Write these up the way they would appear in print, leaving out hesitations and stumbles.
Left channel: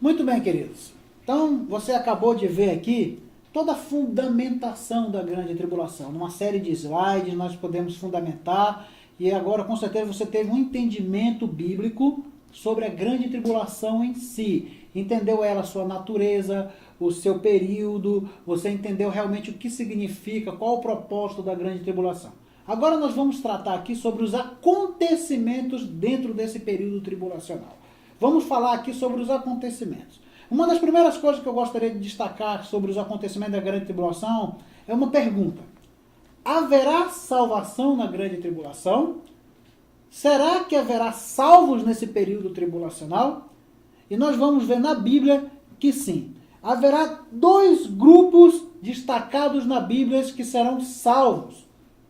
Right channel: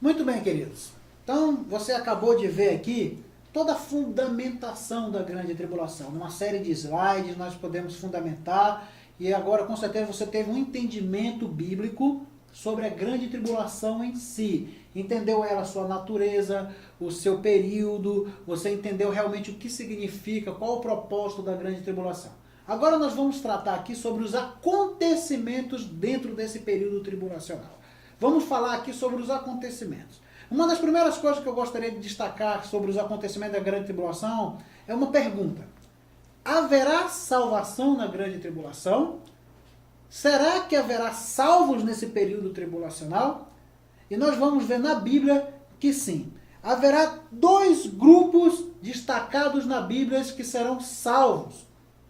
Muito bem, queridos. Então, você acabou de ver aqui toda a fundamentação da grande tribulação. Numa série de slides, nós podemos fundamentar, e agora, com certeza, você teve um entendimento bíblico sobre a grande tribulação em si. Entendeu ela, a sua natureza, o seu período, você entendeu realmente o que significa, qual o propósito da grande tribulação. Agora nós vamos tratar aqui sobre os acontecimentos dentro desse período tribulacional. Vamos falar aqui sobre os acontecimentos. Uma das primeiras coisas que eu gostaria de destacar sobre os acontecimentos da grande tribulação é uma pergunta. Haverá salvação na grande tribulação? Será que haverá salvos nesse período tribulacional? E nós vamos ver na Bíblia que sim. Haverá dois grupos destacados na Bíblia que serão salvos.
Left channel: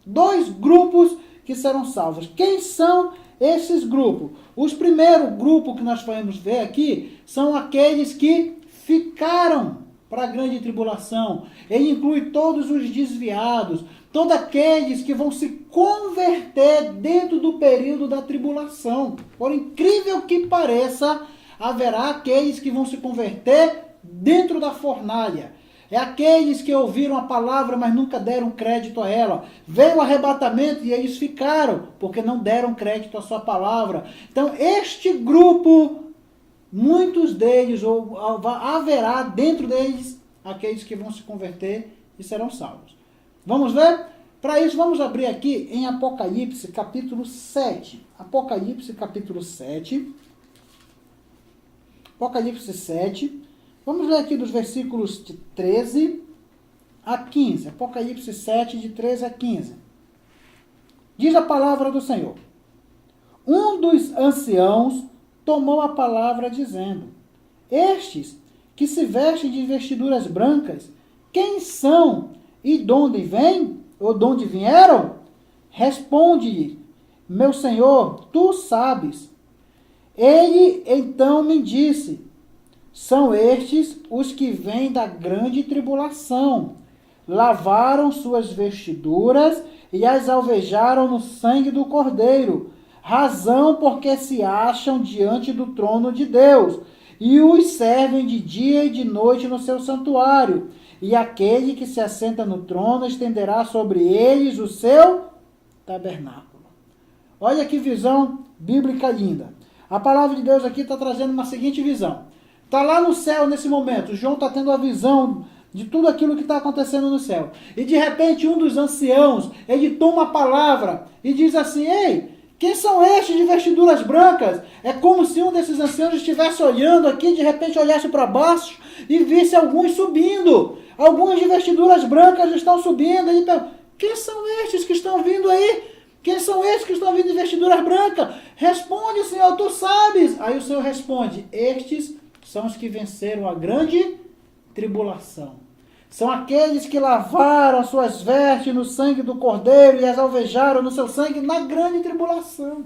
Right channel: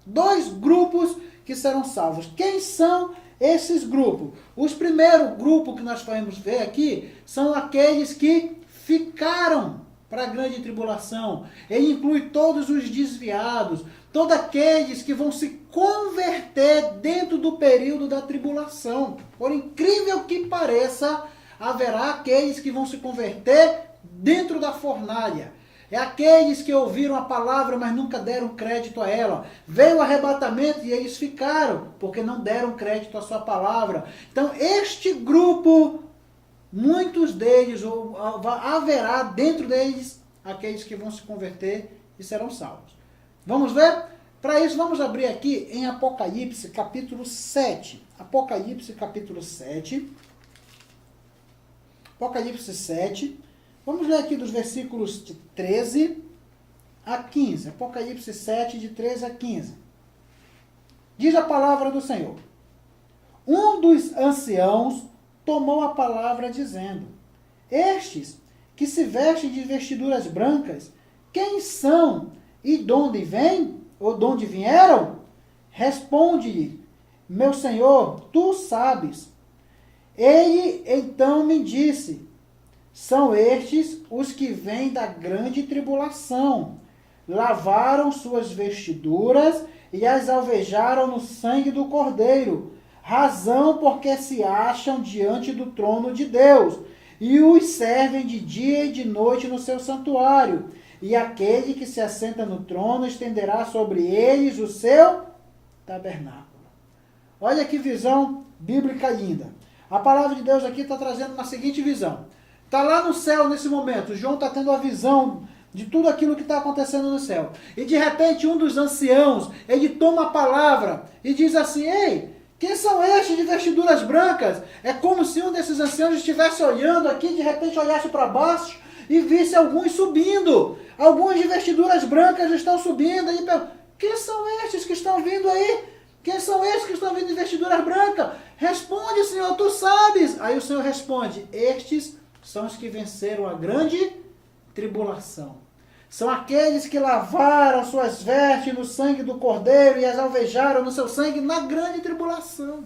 Dois grupos que serão salvos. Quem são esses grupos? Os primeiros grupos que nós vamos ver aqui são aqueles que ficaram para a grande tribulação. Ele inclui todos os desviados, todos aqueles que vão se converter dentro do período da tribulação. Por incrível que pareça, haverá aqueles que vão se converter dentro da fornalha. É aqueles que ouviram a palavra, mas nunca deram crédito a ela. Veio o arrebatamento e eles ficaram, porque não deram crédito à sua palavra. Então, este grupo, muitos deles, ou haverá dentro deles, aqueles que vão se converter e serão salvos. Vamos ver? Para isso, vamos abrir aqui em Apocalipse, capítulo 7. Apocalipse, capítulo 7. Apocalipse 7. Vamos ler aqui dos versículos de 13 a 15. Apocalipse 7, de 13 a 15. Diz a palavra do Senhor. Um dos anciãos tomou a palavra dizendo: Estes que se vestem de vestiduras brancas, quem são e de onde vêm? Ou de onde vieram? Responde-lhe: Meu Senhor, tu sabes. Ele então me disse: São estes os que vêm da grande tribulação. Lavaram suas vestiduras e as alvejaram no sangue do Cordeiro, razão porque se acham diante do trono de Deus, e os servem de dia e de noite no seu santuário. E aquele que se assenta no trono estenderá sobre eles o seu tabernáculo. Olha que visão bíblica linda. A palavra de Deus aqui está trazendo uma seguinte visão. Está lá no céu nesse momento. João está tendo a visão de tudo aquilo que está acontecendo no céu. E de repente um dos anciãos, ele toma a palavra e diz assim: Ei, quem são estes de vestiduras brancas? É como se um desses anciãos estivesse olhando aqui, de repente olhasse para baixo e visse alguns subindo. Alguns de vestiduras brancas estão subindo. Ele pergunta: quem são estes que estão vindo aí? Quem são estes que estão vindo de vestiduras brancas? Responde, Senhor, tu sabes. Aí o Senhor responde: estes são os que venceram a grande tribulação. São aqueles que lavaram suas vestes no sangue do Cordeiro e as alvejaram no seu sangue na grande tribulação.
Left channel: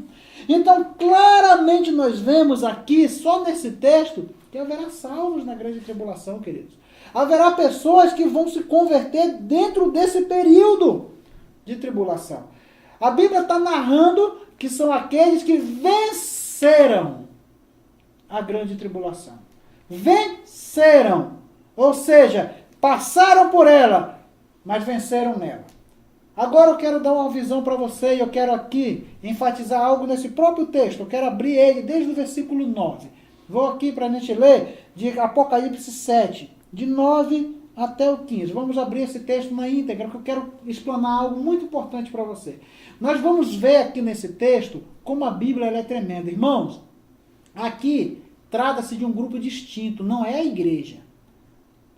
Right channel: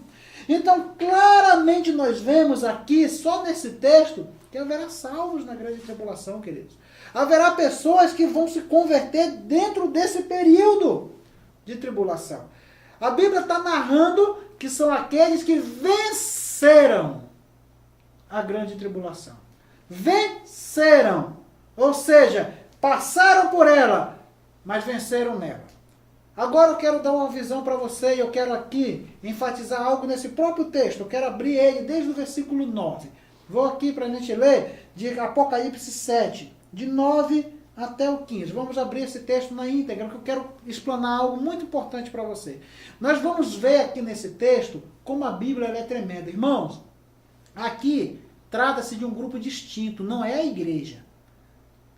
Então, claramente nós vemos aqui, só nesse texto, que haverá salvos na grande tribulação, queridos. Haverá pessoas que vão se converter dentro desse período de tribulação. A Bíblia está narrando que são aqueles que venceram a grande tribulação. Venceram, ou seja, passaram por ela, mas venceram nela. Agora eu quero dar uma visão para você e eu quero aqui enfatizar algo nesse próprio texto. Eu quero abrir ele desde o versículo 9. Vou aqui para a gente ler de Apocalipse 7, de 9 até o 15. Vamos abrir esse texto na íntegra, que eu quero explanar algo muito importante para você. Nós vamos ver aqui nesse texto como a Bíblia ela é tremenda. Irmãos, aqui trata-se de um grupo distinto, não é a igreja.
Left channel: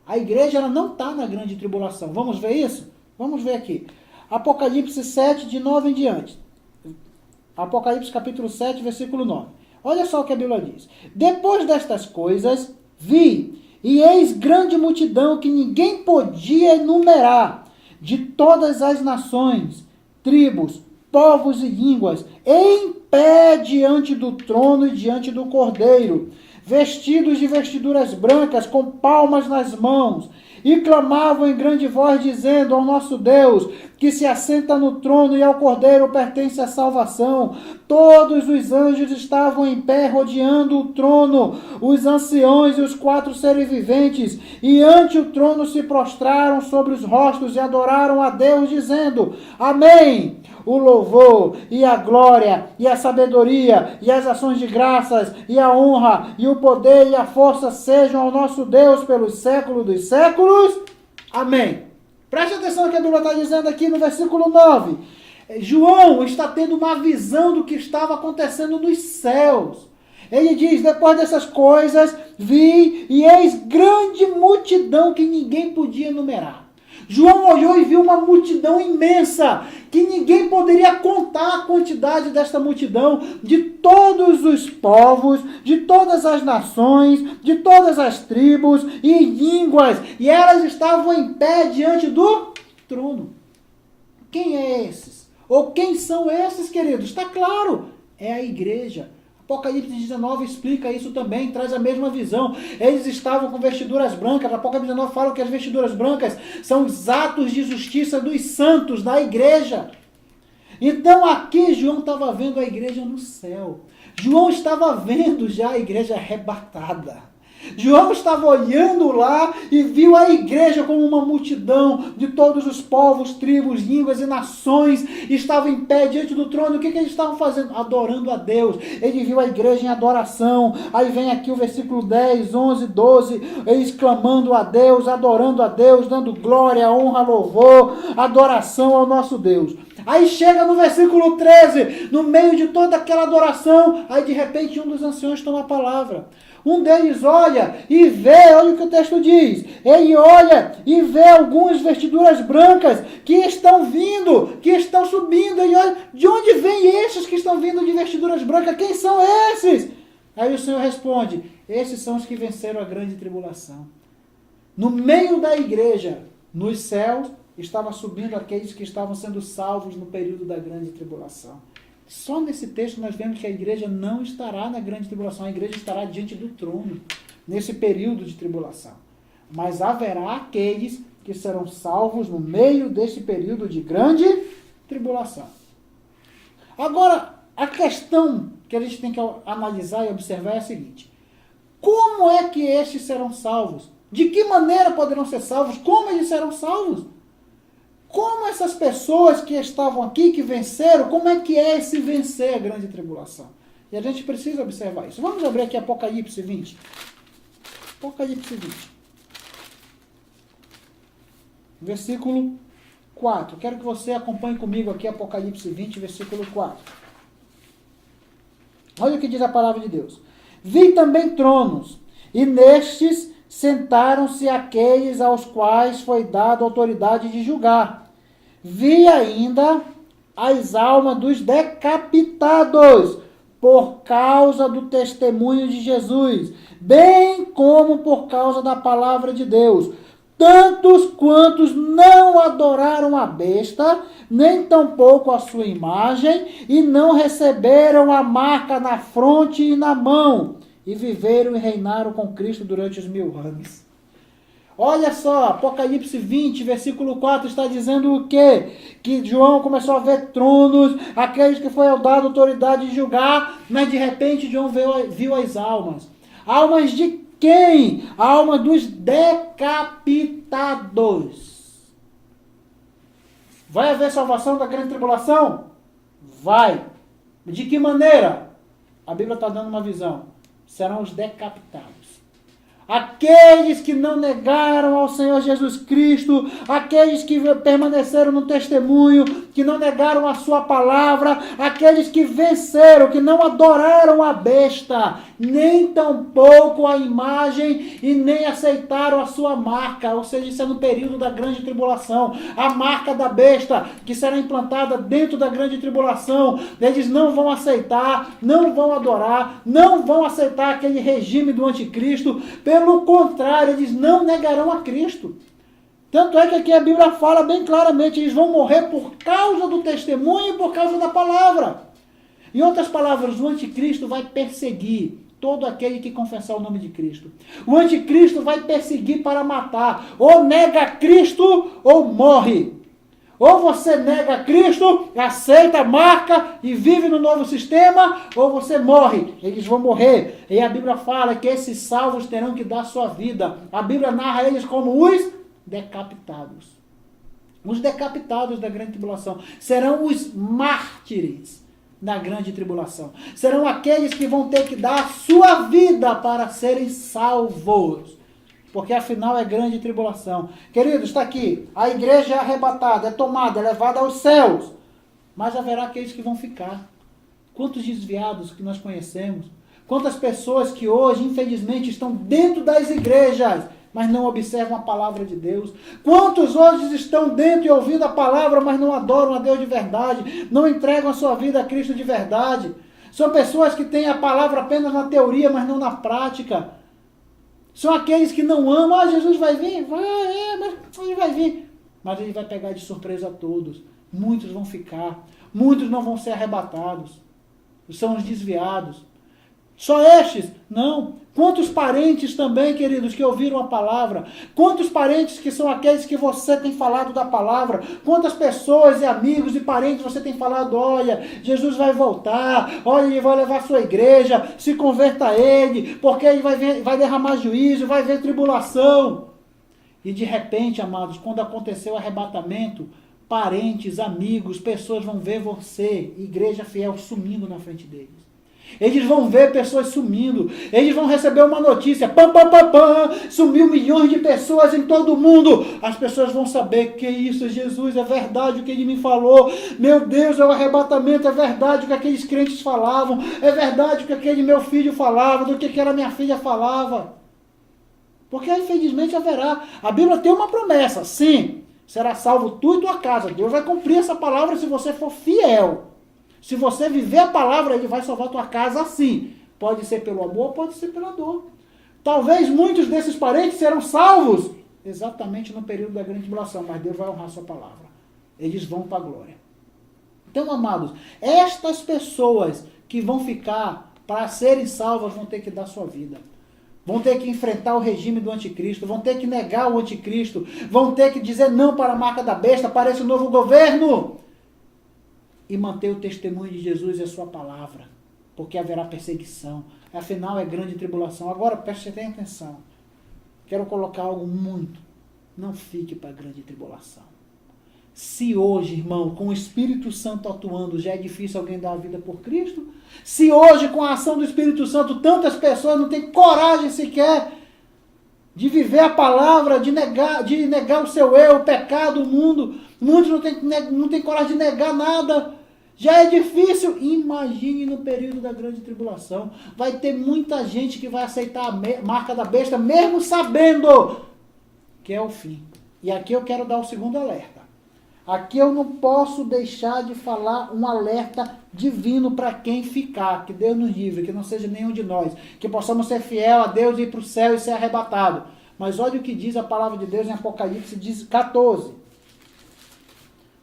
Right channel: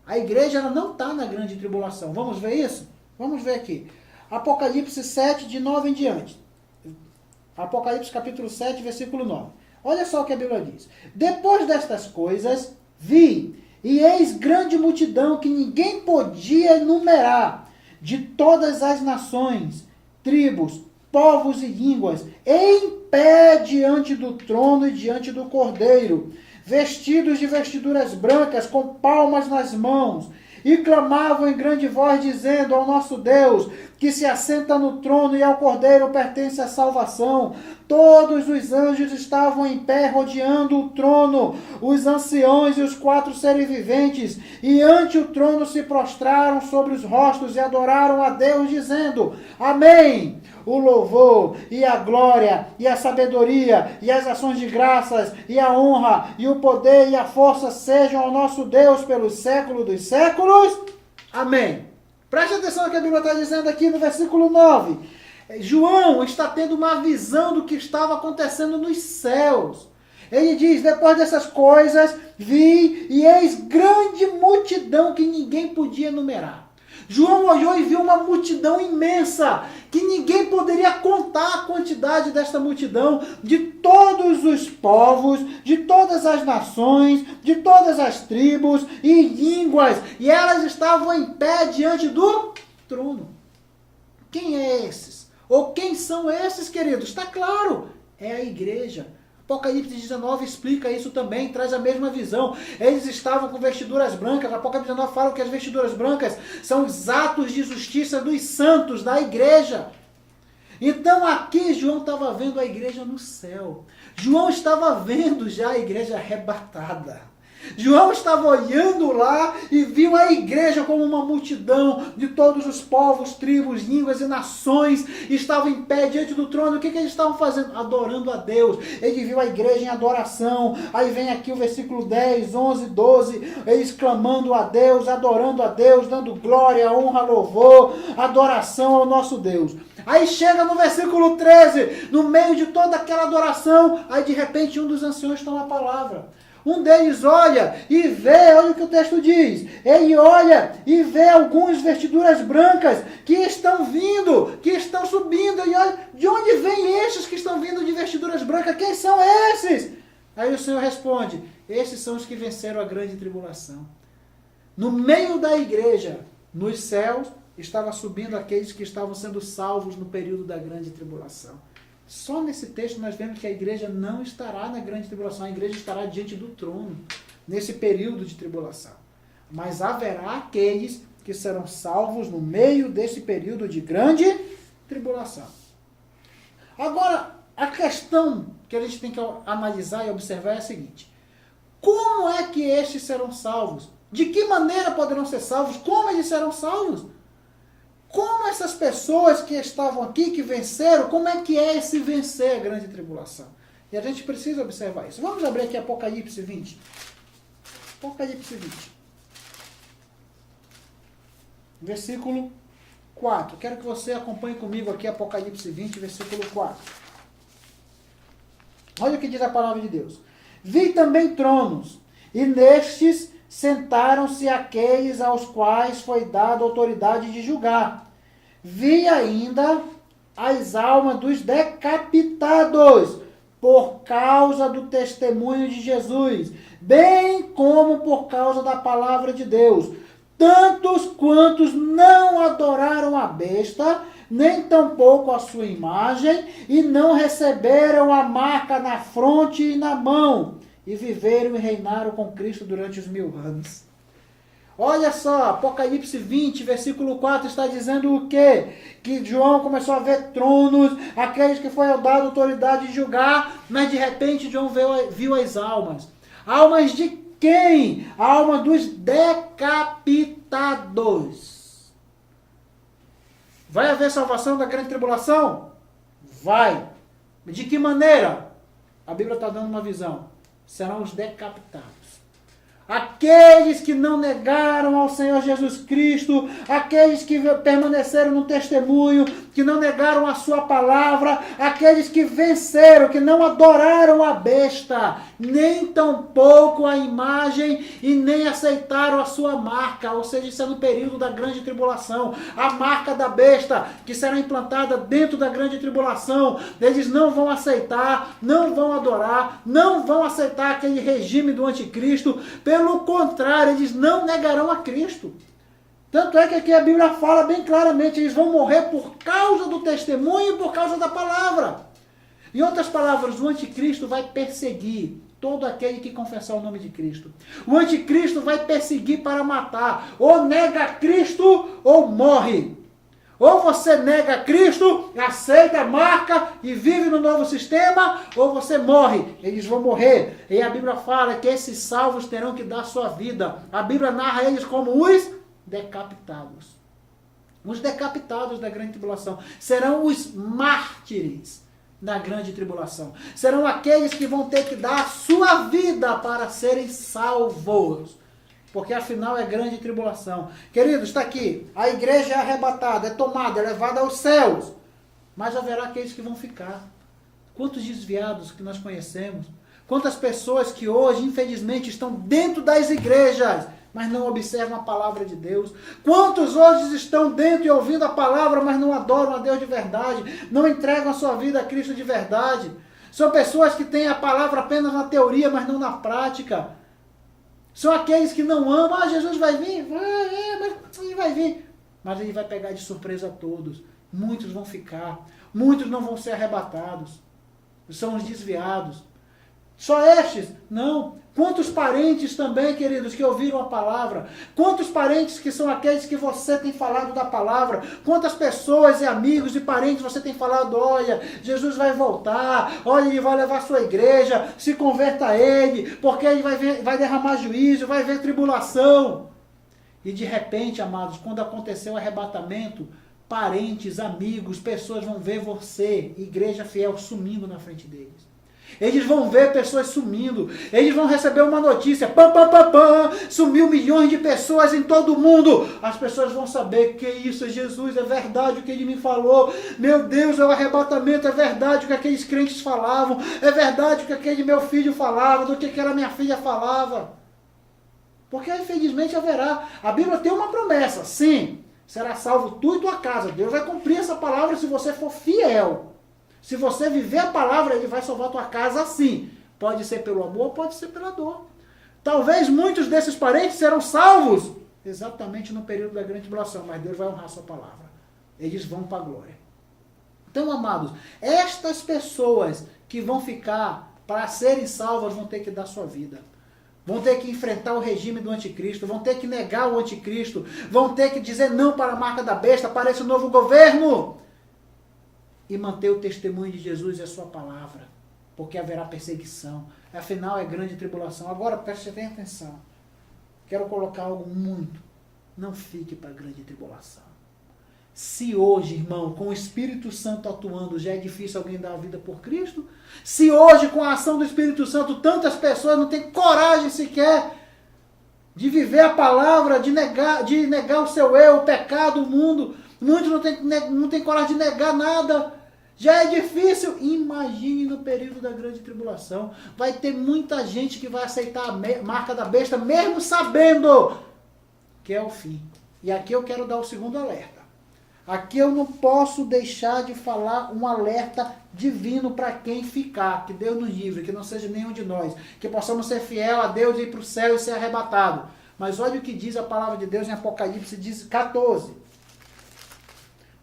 A igreja ela não está na grande tribulação. Vamos ver isso? Vamos ver aqui. Apocalipse 7, de 9 em diante. Apocalipse capítulo 7, versículo 9. Olha só o que a Bíblia diz. Depois destas coisas, vi, e eis grande multidão que ninguém podia enumerar, de todas as nações, tribos, povos e línguas, em pé diante do trono e diante do Cordeiro, vestidos de vestiduras brancas, com palmas nas mãos, e clamavam em grande voz, dizendo: ao nosso Deus, que se assenta no trono, e ao Cordeiro pertence a salvação. Todos os anjos estavam em pé, rodeando o trono, os anciãos e os 4 seres viventes, e ante o trono se prostraram sobre os rostos e adoraram a Deus, dizendo: Amém! O louvor, e a glória, e a sabedoria, e as ações de graças, e a honra, e o poder, e a força sejam ao nosso Deus pelos séculos dos séculos. Amém. Preste atenção no que a Bíblia está dizendo aqui no versículo 9. João está tendo uma visão do que estava acontecendo nos céus. Ele diz: depois dessas coisas, vi e eis grande multidão que ninguém podia enumerar. João olhou e viu uma multidão imensa, que ninguém poderia contar a quantidade desta multidão, de todos os povos, de todas as nações, de todas as tribos e línguas, e elas estavam em pé diante do trono. Quem é esses? Ou quem são esses, queridos? Está claro, é a igreja. Apocalipse 19 explica isso também, traz a mesma visão. Eles estavam com vestiduras brancas. Apocalipse 19 fala que as vestiduras brancas são os atos de justiça dos santos, da igreja. Então aqui João estava vendo a igreja no céu. João estava vendo já a igreja arrebatada. João estava olhando lá e viu a igreja como uma multidão de todos os povos, tribos, línguas e nações. Estavam em pé diante do trono. O que eles estavam fazendo? Adorando a Deus. Ele viu a igreja em adoração. Aí vem aqui o versículo 10, 11, 12. Eles clamando a Deus, adorando a Deus, dando glória, honra, louvor, adoração ao nosso Deus. Aí chega no versículo 13, no meio de toda aquela adoração, aí de repente um dos anciãos toma a palavra. Um deles olha e vê, olha o que o texto diz. Ele olha e vê algumas vestiduras brancas que estão vindo, que estão subindo. Ele olha, de onde vêm esses que estão vindo de vestiduras brancas? Quem são esses? Aí o Senhor responde: esses são os que venceram a grande tribulação. No meio da igreja, nos céus, estava subindo aqueles que estavam sendo salvos no período da grande tribulação. Só nesse texto nós vemos que a igreja não estará na grande tribulação, a igreja estará diante do trono, nesse período de tribulação. Mas haverá aqueles que serão salvos no meio desse período de grande tribulação. Agora, a questão que a gente tem que analisar e observar é a seguinte: como é que estes serão salvos? De que maneira poderão ser salvos? Como eles serão salvos? Como essas pessoas que estavam aqui, que venceram, como é que é esse vencer a grande tribulação? E a gente precisa observar isso. Vamos abrir aqui Apocalipse 20. Apocalipse 20. Versículo 4. Quero que você acompanhe comigo aqui Apocalipse 20, versículo 4. Olha o que diz a palavra de Deus. Vi também tronos, e nestes sentaram-se aqueles aos quais foi dada a autoridade de julgar. Vi ainda as almas dos decapitados por causa do testemunho de Jesus, bem como por causa da palavra de Deus. Tantos quantos não adoraram a besta, nem tampouco a sua imagem, e não receberam a marca na fronte e na mão, e viveram e reinaram com Cristo durante os 1000 anos. Olha só, Apocalipse 20, versículo 4 está dizendo o quê? Que João começou a ver tronos, aqueles que foi dado a autoridade de julgar, mas de repente João viu as almas. Almas de quem? A alma dos decapitados. Vai haver salvação da grande tribulação? Vai. De que maneira? A Bíblia está dando uma visão. Serão os decapitados. Aqueles que não negaram ao Senhor Jesus Cristo, aqueles que permaneceram no testemunho, que não negaram a sua palavra, aqueles que venceram, que não adoraram a besta, nem tampouco a imagem e nem aceitaram a sua marca, ou seja, isso é no período da grande tribulação, a marca da besta que será implantada dentro da grande tribulação, eles não vão aceitar, não vão adorar, não vão aceitar aquele regime do anticristo, pelo contrário, eles não negarão a Cristo. Tanto é que aqui a Bíblia fala bem claramente, eles vão morrer por causa do testemunho e por causa da palavra. Em outras palavras, o anticristo vai perseguir todo aquele que confessar o nome de Cristo. O anticristo vai perseguir para matar. Ou nega Cristo ou morre. Ou você nega Cristo, aceita a marca e vive no novo sistema, ou você morre. Eles vão morrer. E a Bíblia fala que esses salvos terão que dar sua vida. A Bíblia narra eles como os decapitados. Os decapitados da grande tribulação serão os mártires na grande tribulação. Serão aqueles que vão ter que dar a sua vida para serem salvos. Porque afinal é grande tribulação. Queridos, está aqui. A igreja é arrebatada, é tomada, é levada aos céus. Mas haverá aqueles que vão ficar. Quantos desviados que nós conhecemos. Quantas pessoas que hoje, infelizmente, estão dentro das igrejas, mas não observam a palavra de Deus. Quantos hoje estão dentro e ouvindo a palavra, mas não adoram a Deus de verdade. Não entregam a sua vida a Cristo de verdade. São pessoas que têm a palavra apenas na teoria, mas não na prática. São aqueles que não amam. Jesus vai vir? Mas ele vai vir. Mas ele vai pegar de surpresa a todos. Muitos vão ficar. Muitos não vão ser arrebatados. São os desviados. Só estes? Não. Quantos parentes também, queridos, que ouviram a palavra? Quantos parentes que são aqueles que você tem falado da palavra? Quantas pessoas e amigos e parentes você tem falado, olha, Jesus vai voltar, olha, ele vai levar a sua igreja, se converta a ele, porque ele vai derramar juízo, vai ver tribulação. E de repente, amados, quando aconteceu o arrebatamento, parentes, amigos, pessoas vão ver você, igreja fiel, sumindo na frente deles. Eles vão ver pessoas sumindo. Eles vão receber uma notícia. Sumiu milhões de pessoas em todo o mundo. As pessoas vão saber que isso é Jesus, é verdade o que ele me falou. Meu Deus, é o arrebatamento, é verdade o que aqueles crentes falavam. É verdade o que aquele meu filho falava, do que aquela minha filha falava. Porque infelizmente haverá. A Bíblia tem uma promessa. Sim, será salvo tu e tua casa. Deus vai cumprir essa palavra se você for fiel. Se você viver a palavra, ele vai salvar a tua casa assim. Pode ser pelo amor, pode ser pela dor. Talvez muitos desses parentes serão salvos exatamente no período da grande tribulação, mas Deus vai honrar a sua palavra. Eles vão para a glória. Então, amados, estas pessoas que vão ficar para serem salvas vão ter que dar sua vida. Vão ter que enfrentar o regime do anticristo, vão ter que negar o anticristo, vão ter que dizer não para a marca da besta, para esse novo governo. E manter o testemunho de Jesus e a sua palavra, porque haverá perseguição. Afinal, é grande tribulação. Agora, preste bem atenção. Quero colocar algo muito. Não fique para a grande tribulação. Se hoje, irmão, com o Espírito Santo atuando, já é difícil alguém dar a vida por Cristo, se hoje, com a ação do Espírito Santo, tantas pessoas não têm coragem sequer de viver a palavra, de negar o seu eu, o pecado, o mundo, muitos não têm coragem de negar nada. Já é difícil. Imagine no período da grande tribulação. Vai ter muita gente que vai aceitar a marca da besta, mesmo sabendo que é o fim. E aqui eu quero dar o segundo alerta. Aqui eu não posso deixar de falar um alerta divino para quem ficar. Que Deus nos livre, que não seja nenhum de nós. Que possamos ser fiel a Deus e ir para o céu e ser arrebatado. Mas olha o que diz a palavra de Deus em Apocalipse 14.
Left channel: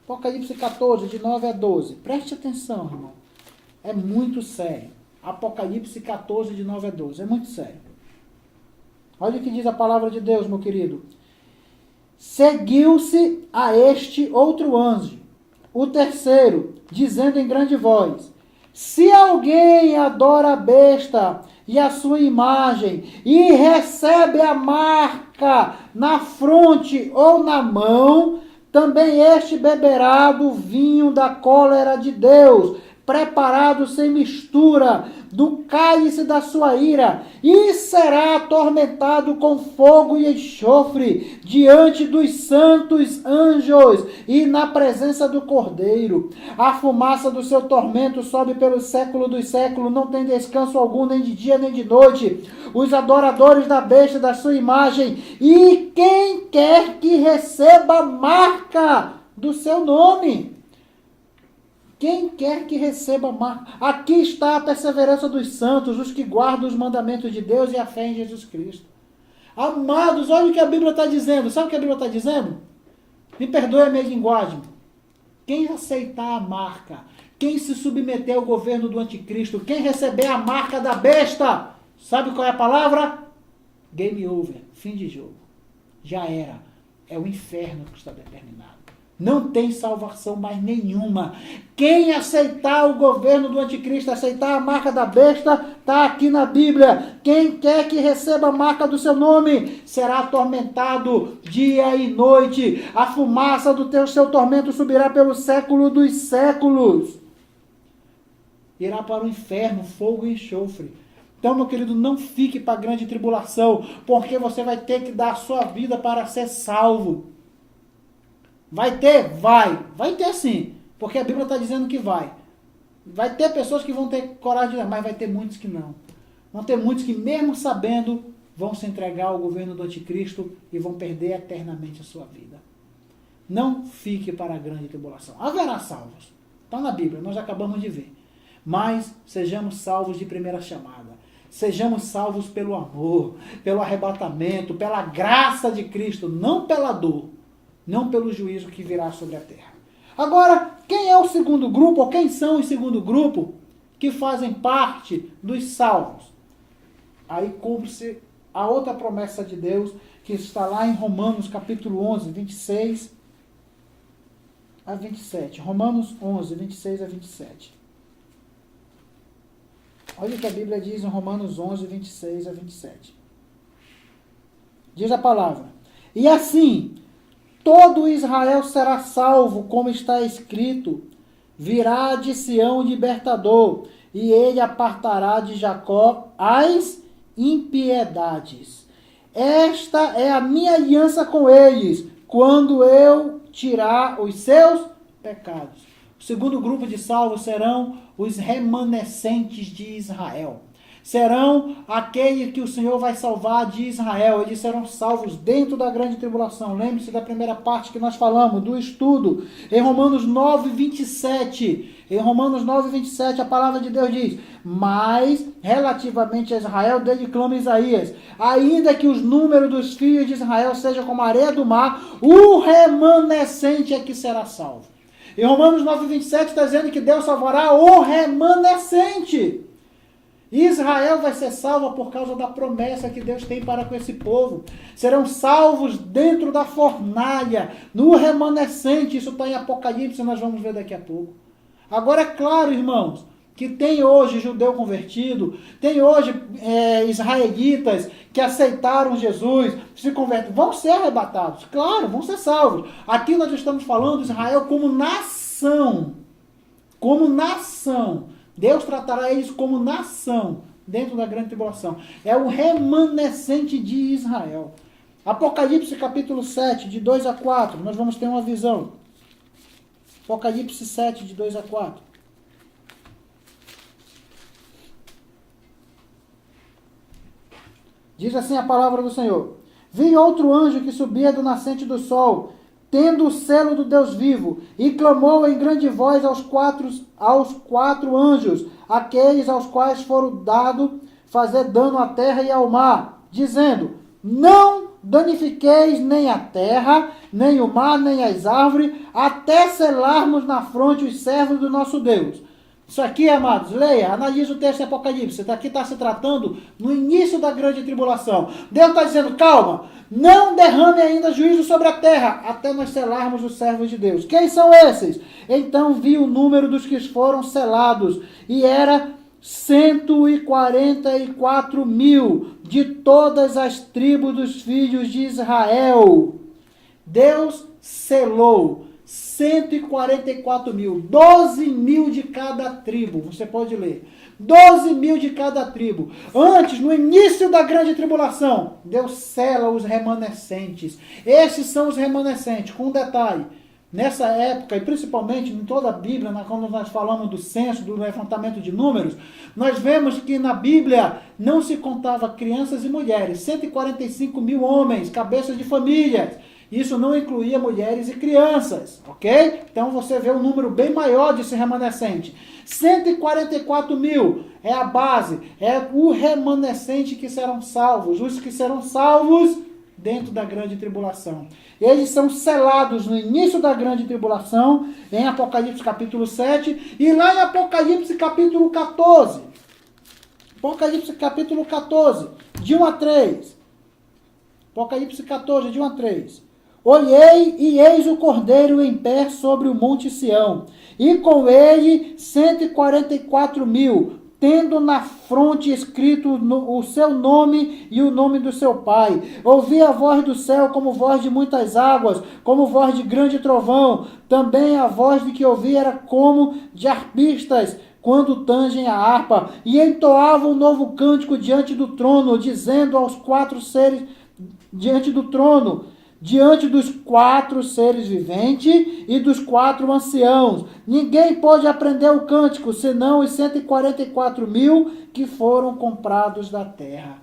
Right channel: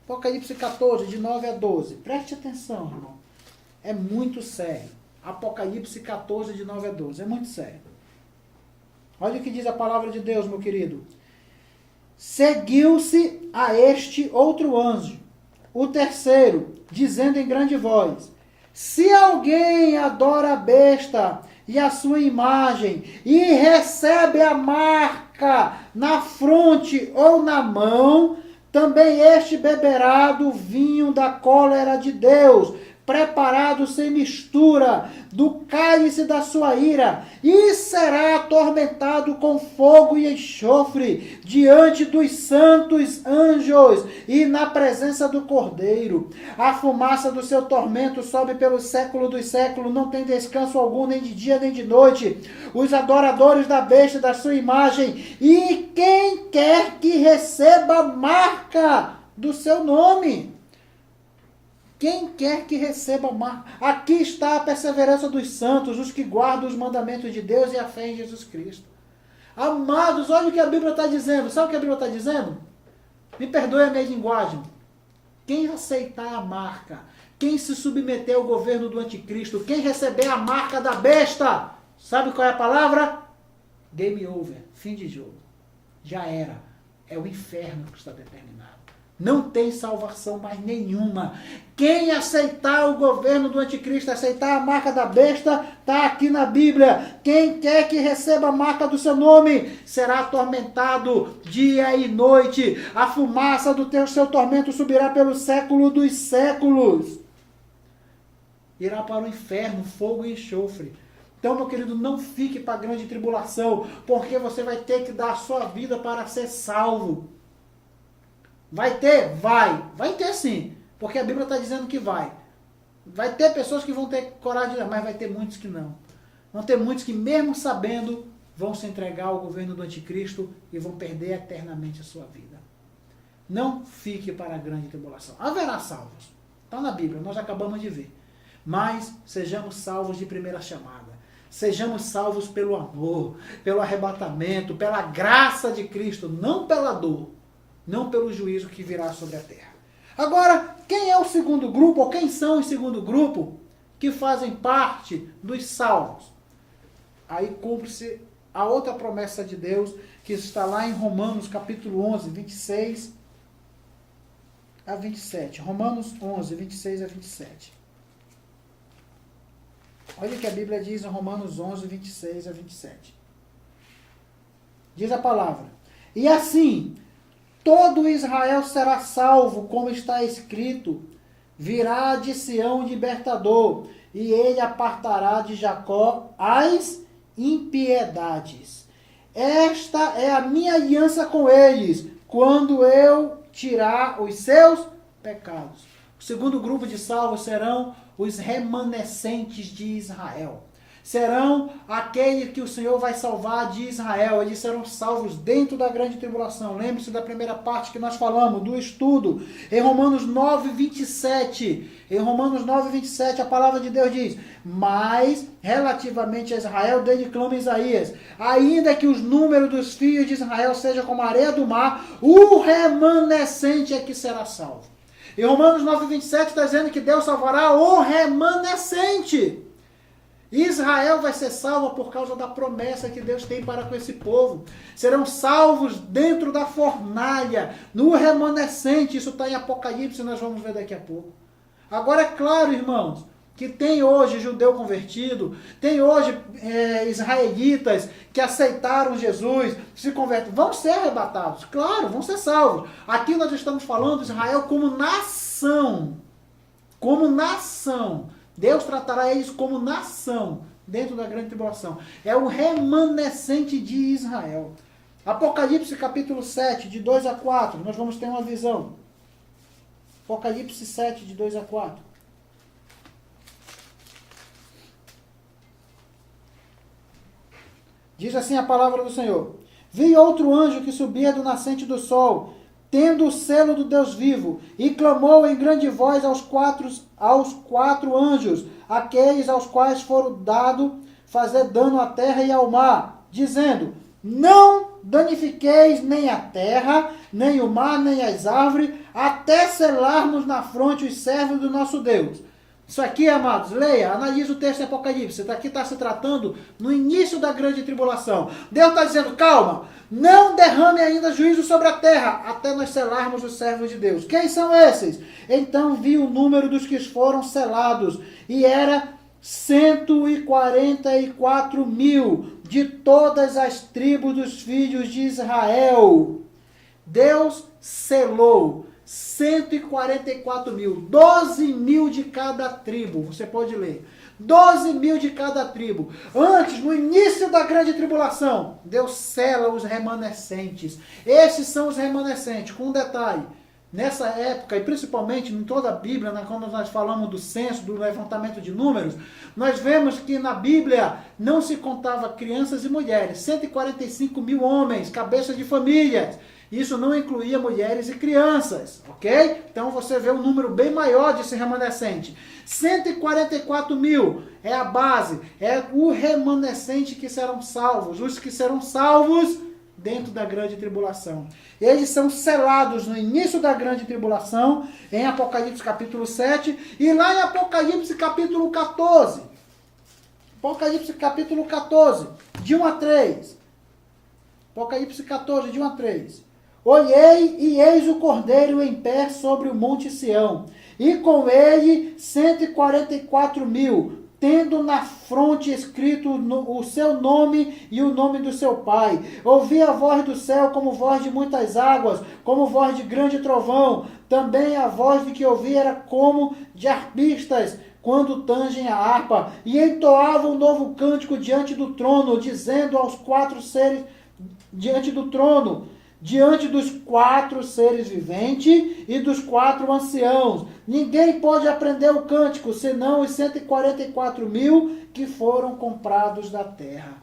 Apocalipse 14, de 9 a 12. Preste atenção, irmão. É muito sério. Apocalipse 14, de 9 a 12. É muito sério. Olha o que diz a palavra de Deus, meu querido. Seguiu-se a este outro anjo, o terceiro, dizendo em grande voz: se alguém adora a besta e a sua imagem, e recebe a marca na fronte ou na mão, também este beberá do vinho da cólera de Deus, preparado sem mistura, do cálice da sua ira, e será atormentado com fogo e enxofre, diante dos santos anjos, e na presença do Cordeiro. A fumaça do seu tormento sobe pelo século dos séculos, não tem descanso algum, nem de dia nem de noite. Os adoradores da besta da sua imagem, e quem quer que receba a marca do seu nome. Quem quer que receba a marca. Aqui está a perseverança dos santos, os que guardam os mandamentos de Deus e a fé em Jesus Cristo. Amados, olha o que a Bíblia está dizendo. Sabe o que a Bíblia está dizendo? Me perdoe a minha linguagem. Quem aceitar a marca, quem se submeter ao governo do anticristo, quem receber a marca da besta, sabe qual é a palavra? Game over, fim de jogo. Já era. É o inferno que está determinado. Não tem salvação mais nenhuma. Quem aceitar o governo do anticristo, aceitar a marca da besta, está aqui na Bíblia. Quem quer que receba a marca do seu nome, será atormentado dia e noite. A fumaça do seu tormento subirá pelo século dos séculos. Irá para o inferno, fogo e enxofre. Então, meu querido, não fique para a grande tribulação, porque você vai ter que dar a sua vida para ser salvo. Vai ter? Vai. Vai ter sim, porque a Bíblia está dizendo que vai. Vai ter pessoas que vão ter coragem, mas vai ter muitos que não. Vão ter muitos que, mesmo sabendo, vão se entregar ao governo do anticristo e vão perder eternamente a sua vida. Não fique para a grande tribulação. Haverá salvos. Está na Bíblia, nós acabamos de ver. Mas sejamos salvos de primeira chamada. Sejamos salvos pelo amor, pelo arrebatamento, pela graça de Cristo, não pela dor, não pelo juízo que virá sobre a terra. Agora, quem é o segundo grupo, ou quem são o segundo grupo que fazem parte dos salvos? Aí cumpre-se a outra promessa de Deus, que está lá em Romanos capítulo 11, 26 a 27. Romanos 11, 26 a 27. Olha o que a Bíblia diz em Romanos 11, 26 a 27. Diz a palavra: e assim, todo Israel será salvo, como está escrito: virá de Sião o libertador, e ele apartará de Jacó as impiedades. Esta é a minha aliança com eles, quando eu tirar os seus pecados. O segundo grupo de salvos serão os remanescentes de Israel. Serão aqueles que o Senhor vai salvar de Israel. Eles serão salvos dentro da grande tribulação. Lembre-se da primeira parte que nós falamos, do estudo. Em Romanos 9, 27. Em Romanos 9, 27, a palavra de Deus diz: mas, relativamente a Israel, dele clama Isaías: ainda que os números dos filhos de Israel seja como a areia do mar, o remanescente é que será salvo. Em Romanos 9, 27 está dizendo que Deus salvará o remanescente. Israel vai ser salva por causa da promessa que Deus tem para com esse povo. Serão salvos dentro da fornalha, no remanescente. Isso está em Apocalipse, nós vamos ver daqui a pouco. Agora é claro, irmãos, que tem hoje judeu convertido, tem hoje israelitas que aceitaram Jesus, se convertem, vão ser arrebatados, claro, vão ser salvos. Aqui nós estamos falando de Israel como nação. Como nação. Deus tratará eles como nação dentro da grande tribulação. É o remanescente de Israel. Apocalipse capítulo 7, de 2 a 4, nós vamos ter uma visão. Apocalipse 7, de 2 a 4. Diz assim a palavra do Senhor: vi outro anjo que subia do nascente do sol, tendo o selo do Deus vivo, e clamou em grande voz aos quatro anjos, aqueles aos quais foram dado fazer dano à terra e ao mar, dizendo: não danifiqueis nem a terra, nem o mar, nem as árvores, até selarmos na fronte os servos do nosso Deus. Isso aqui, amados, leia, analise o texto de Apocalipse. Aqui está se tratando no início da grande tribulação. Deus está dizendo: calma, não derrame ainda juízo sobre a terra, até nós selarmos os servos de Deus. Quem são esses? Então vi o número dos que foram selados, e era 144 mil, de todas as tribos dos filhos de Israel. Deus selou 144 mil, 12 mil de cada tribo, você pode ler, 12 mil de cada tribo. Antes, no início da grande tribulação, Deus sela os remanescentes. Esses são os remanescentes, com um detalhe: nessa época, e principalmente em toda a Bíblia, quando nós falamos do censo, do levantamento de números, nós vemos que na Bíblia não se contava crianças e mulheres, 145 mil homens, cabeças de famílias. Isso não incluía mulheres e crianças, ok? Então você vê um número bem maior desse remanescente. 144 mil é a base, é o remanescente que serão salvos. Os que serão salvos dentro da grande tribulação. Eles são selados no início da grande tribulação, em Apocalipse capítulo 7, e lá em Apocalipse capítulo 14. Apocalipse capítulo 14, de 1 a 3. Apocalipse 14, de 1 a 3. Olhei e eis o Cordeiro em pé sobre o monte Sião, e com ele 144.000, tendo na fronte escrito o seu nome e o nome do seu Pai. Ouvi a voz do céu como voz de muitas águas, como voz de grande trovão. Também a voz de que ouvi era como de arpistas, quando tangem a harpa, e entoava um novo cântico diante do trono, dizendo aos 4 seres diante do trono, diante dos 4 seres viventes e dos 4 anciãos. Ninguém pôde aprender o cântico, senão os 144.000 que foram comprados da terra.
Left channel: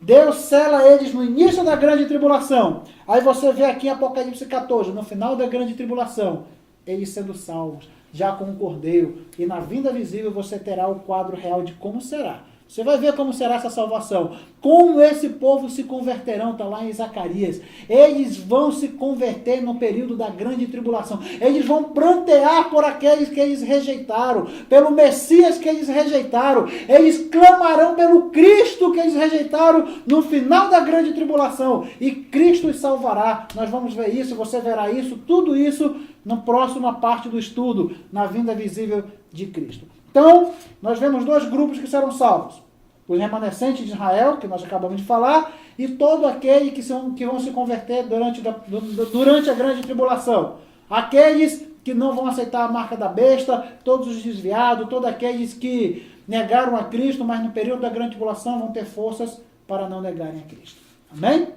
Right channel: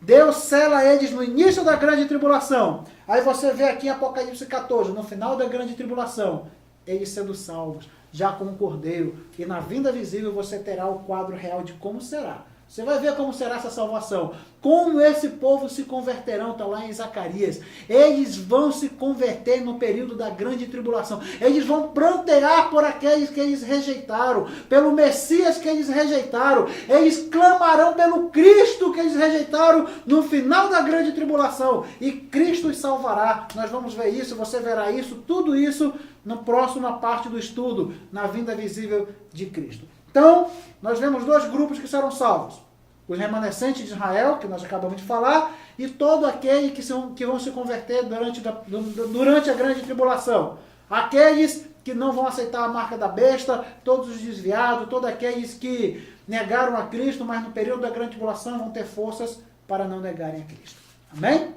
Deus sela eles no início da grande tribulação. Aí você vê aqui em Apocalipse 14, no final da grande tribulação, eles sendo salvos, já com o Cordeiro. E na vinda visível você terá o quadro real de como será. Você vai ver como será essa salvação. Como esse povo se converterão, está lá em Zacarias. Eles vão se converter no período da grande tribulação. Eles vão prantear por aqueles que eles rejeitaram, pelo Messias que eles rejeitaram. Eles clamarão pelo Cristo que eles rejeitaram no final da grande tribulação. E Cristo os salvará. Nós vamos ver isso, você verá isso, tudo isso na próxima parte do estudo, na vinda visível de Cristo. Então, nós vemos 2 grupos que serão salvos. Os remanescentes de Israel, que nós acabamos de falar, e todo aquele que vão se converter durante a grande tribulação. Aqueles que não vão aceitar a marca da besta, todos os desviados, todos aqueles que negaram a Cristo, mas no período da grande tribulação vão ter forças para não negarem a Cristo. Amém?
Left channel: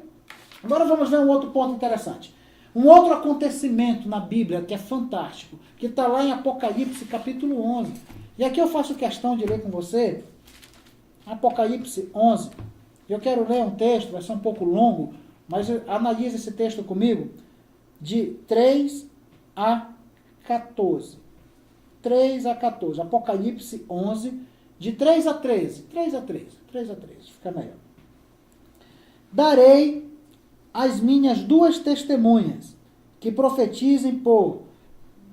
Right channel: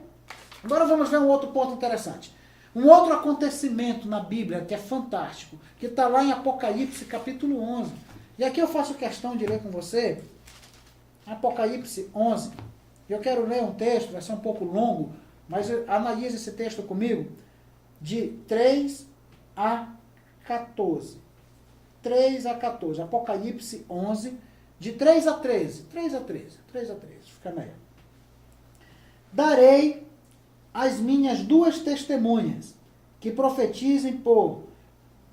Agora vamos ver um outro ponto interessante. Um outro acontecimento na Bíblia que é fantástico, que está lá em Apocalipse capítulo 11. E aqui eu faço questão de ler com você Apocalipse 11. Eu quero ler um texto, vai ser um pouco longo, mas analise esse texto comigo, de 3 a 14. 3 a 14. Apocalipse 11, de 3 a 13. 3 a 13. 3 a 13. Fica melhor. Darei as minhas 2 testemunhas, que profetizem por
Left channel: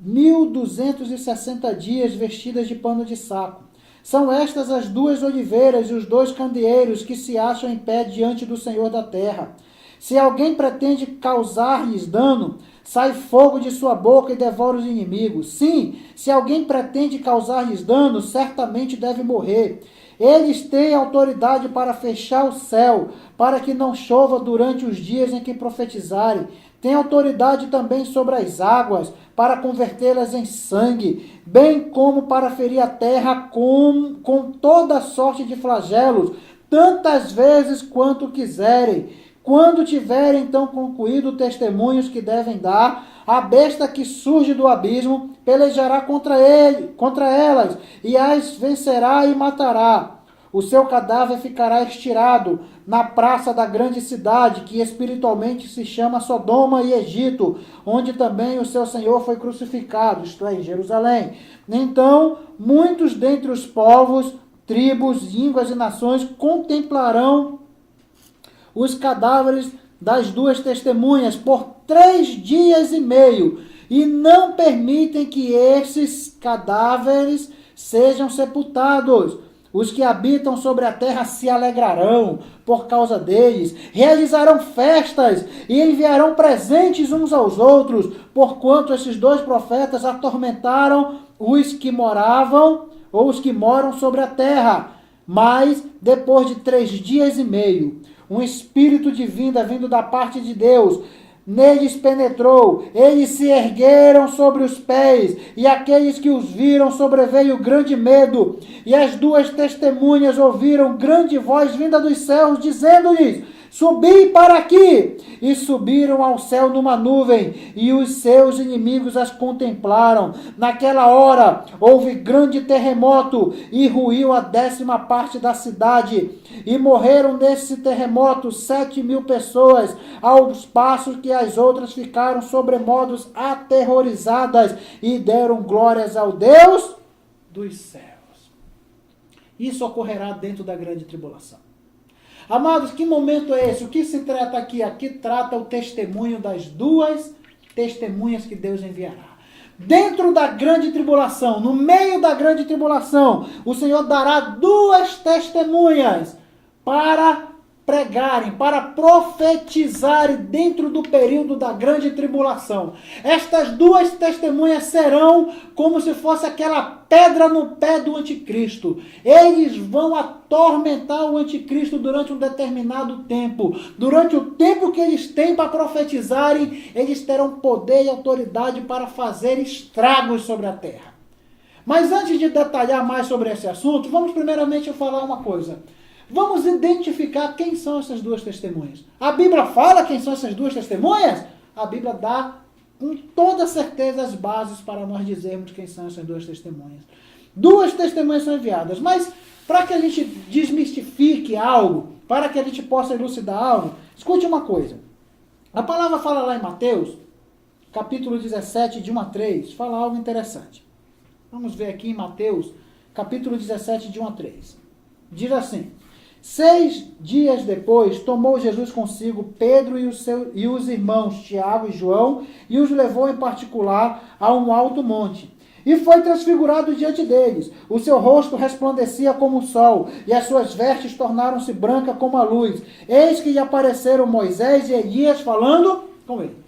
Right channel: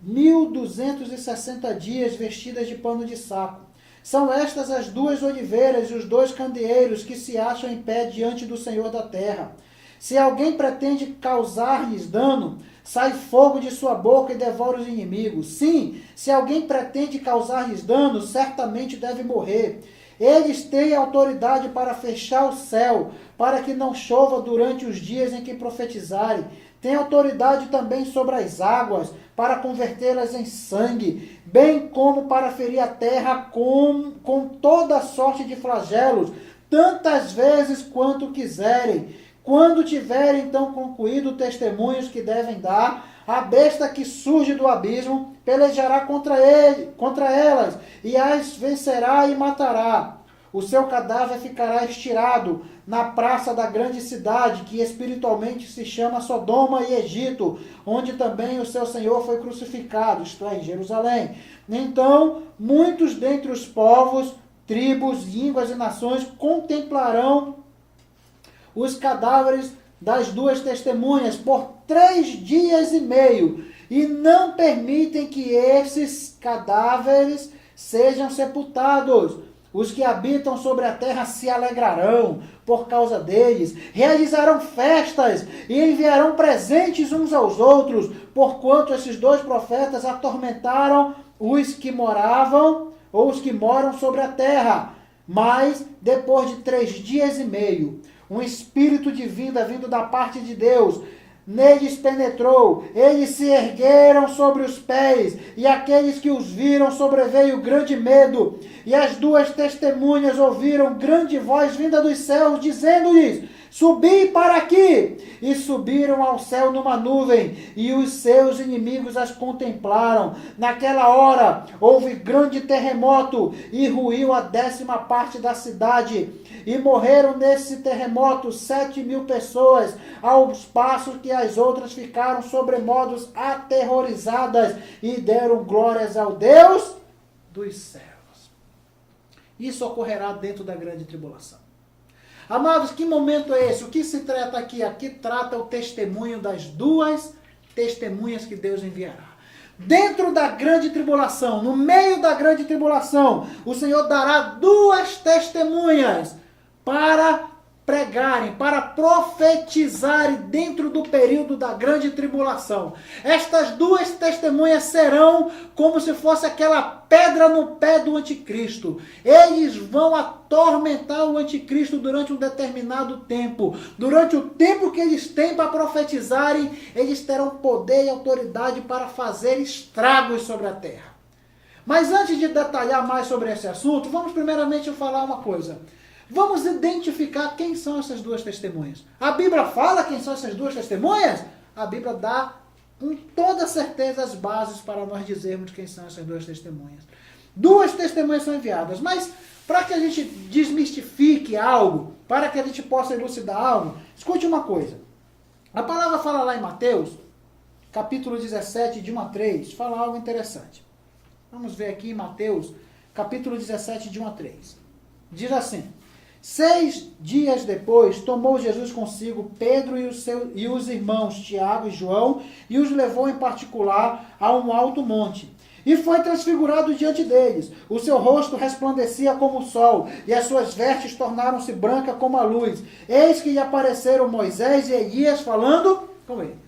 1260 dias vestidas de pano de saco. São estas as 2 oliveiras e os 2 candeeiros que se acham em pé diante do Senhor da terra. Se alguém pretende causar-lhes dano, sai fogo de sua boca e devora os inimigos. Sim, se alguém pretende causar-lhes dano, certamente deve morrer. Eles têm autoridade para fechar o céu, para que não chova durante os dias em que profetizarem. Tem autoridade também sobre as águas, para convertê-las em sangue, bem como para ferir a terra com toda sorte de flagelos, tantas vezes quanto quiserem. Quando tiverem então concluído testemunhos que devem dar, a besta que surge do abismo pelejará contra elas, e as vencerá e matará. O seu cadáver ficará estirado na praça da grande cidade, que espiritualmente se chama Sodoma e Egito, onde também o seu Senhor foi crucificado, isto é, em Jerusalém. Então, muitos dentre os povos, tribos, línguas e nações contemplarão os cadáveres das 2 testemunhas por 3 dias e meio, e não permitem que esses cadáveres sejam sepultados. Os que habitam sobre a terra se alegrarão por causa deles, realizarão festas e enviarão presentes uns aos outros, porquanto esses 2 profetas atormentaram os que moravam ou os que moram sobre a terra. Mas, depois de 3 dias e meio, um espírito divino vindo da parte de Deus neles penetrou, eles se ergueram sobre os pés, e aqueles que os viram sobreveio grande medo, e as 2 testemunhas ouviram grande voz vinda dos céus, dizendo-lhes: subi para aqui! E subiram ao céu numa nuvem, e os seus inimigos as contemplaram. Naquela hora houve grande terremoto, e ruiu a 10ª parte da cidade, e morreram nesse terremoto 7.000 pessoas, aos passos que as outras ficaram sobremodos aterrorizadas, e deram glórias ao Deus dos céus. Isso ocorrerá dentro da grande tribulação. Amados, que momento é esse? O que se trata aqui? Aqui trata o testemunho das duas testemunhas que Deus enviará. Dentro da grande tribulação, no meio da grande tribulação, o Senhor dará duas testemunhas para pregarem, para profetizarem dentro do período da grande tribulação. Estas duas testemunhas serão como se fosse aquela pedra no pé do anticristo. Eles vão atormentar o anticristo durante um determinado tempo. Durante o tempo que eles têm para profetizarem, eles terão poder e autoridade para fazer estragos sobre a terra. Mas antes de detalhar mais sobre esse assunto, vamos primeiramente falar uma coisa. Vamos identificar quem são essas duas testemunhas. A Bíblia fala quem são essas duas testemunhas? A Bíblia dá com toda certeza as bases para nós dizermos quem são essas duas testemunhas. Duas testemunhas são enviadas, mas para que a gente desmistifique algo, para que a gente possa elucidar algo, escute uma coisa. A palavra fala lá em Mateus, capítulo 17, de 1 a 3, fala algo interessante. Vamos ver aqui em Mateus, capítulo 17, de 1 a 3. Diz assim: 6 dias depois, tomou Jesus consigo Pedro e os irmãos Tiago e João, e os levou em particular a um alto monte. E foi transfigurado diante deles. O seu rosto resplandecia como o sol, e as suas vestes tornaram-se brancas como a luz. Eis que lhe apareceram Moisés e Elias falando com ele.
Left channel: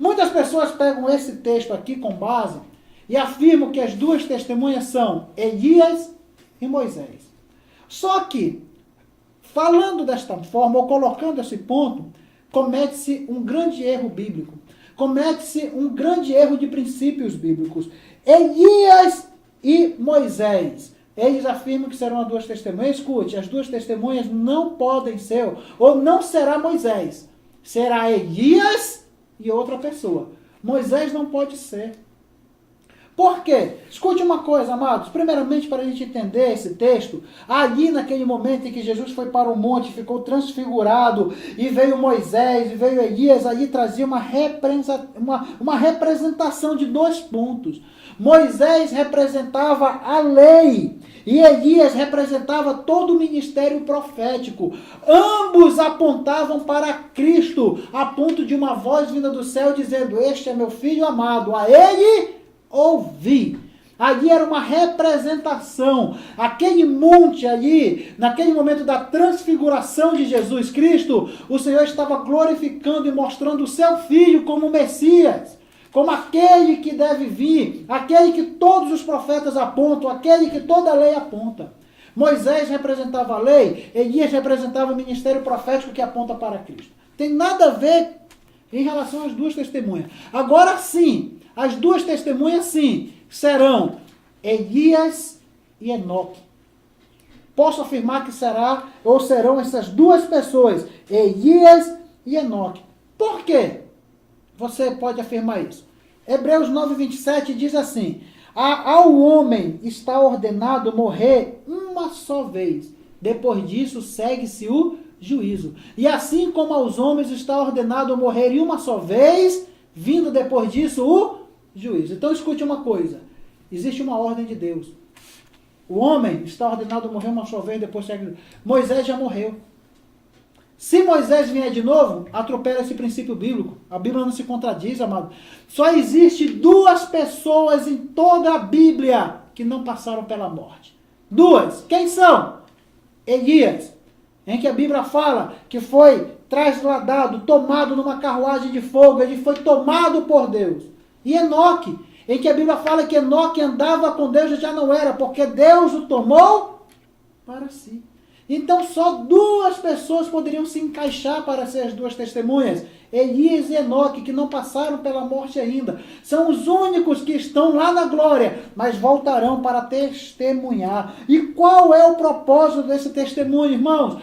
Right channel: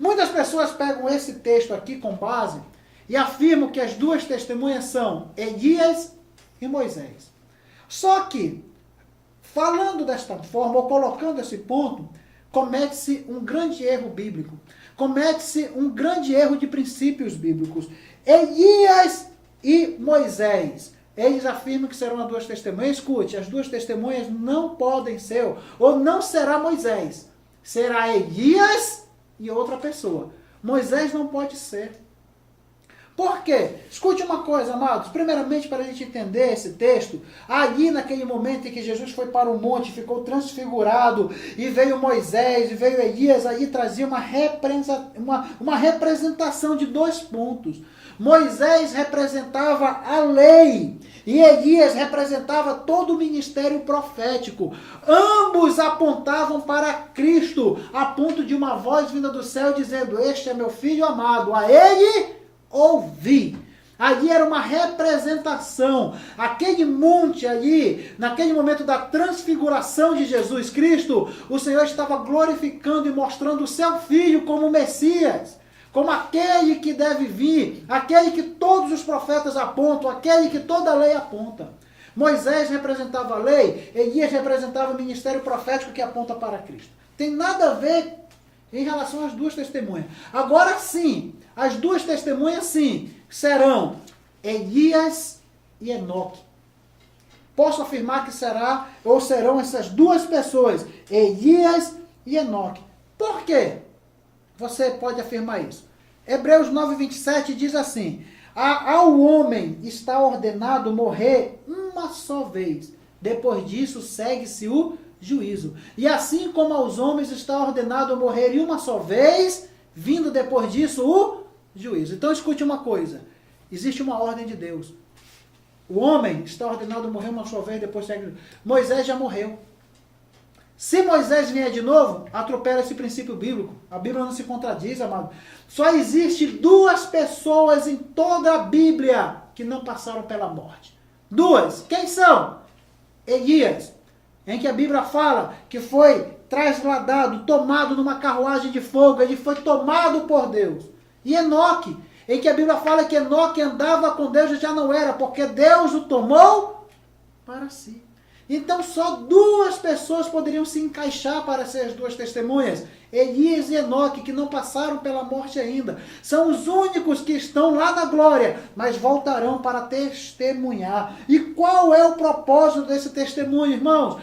Muitas pessoas pegam esse texto aqui com base e afirmam que as duas testemunhas são Elias e Moisés. Só que, falando desta forma, ou colocando esse ponto, comete-se um grande erro bíblico. Comete-se um grande erro de princípios bíblicos. Elias e Moisés, eles afirmam que serão as duas testemunhas. Escute, as duas testemunhas não podem ser, ou não será Moisés. Será Elias e outra pessoa. Moisés não pode ser. Por quê? Escute uma coisa, amados. Primeiramente, para a gente entender esse texto, ali naquele momento em que Jesus foi para o monte, ficou transfigurado, e veio Moisés, e veio Elias, ali trazia uma representação de dois pontos. Moisés representava a lei, e Elias representava todo o ministério profético. Ambos apontavam para Cristo, a ponto de uma voz vinda do céu dizendo: este é meu filho amado, a ele ouvi. Ali era uma representação. Aquele monte ali, naquele momento da transfiguração de Jesus Cristo, o Senhor estava glorificando e mostrando o seu Filho como Messias, como aquele que deve vir, aquele que todos os profetas apontam, aquele que toda a lei aponta. Moisés representava a lei, Elias representava o ministério profético que aponta para Cristo. Tem nada a ver em relação às duas testemunhas. Agora sim, as duas testemunhas, sim, serão Elias e Enoque. Posso afirmar que serão essas duas pessoas, Elias e Enoque. Por quê? Você pode afirmar isso. Hebreus 9:27 diz assim: ao homem está ordenado morrer uma só vez. Depois disso, segue-se o juízo. E assim como aos homens está ordenado morrer uma só vez, vindo depois disso o juízo. Então escute uma coisa. Existe uma ordem de Deus. O homem está ordenado morrer uma só vez, depois segue o juízo. Moisés já morreu. Se Moisés vier de novo, atropela esse princípio bíblico. A Bíblia não se contradiz, amado. Só existe duas pessoas em toda a Bíblia que não passaram pela morte. Duas. Quem são? Elias, em que a Bíblia fala que foi trasladado, tomado numa carruagem de fogo, ele foi tomado por Deus. E Enoque, em que a Bíblia fala que Enoque andava com Deus e já não era, porque Deus o tomou para si. Então só duas pessoas poderiam se encaixar para ser as duas testemunhas, Elias e Enoque, que não passaram pela morte ainda. São os únicos que estão lá na glória, mas voltarão para testemunhar. E qual é o propósito desse testemunho, irmãos?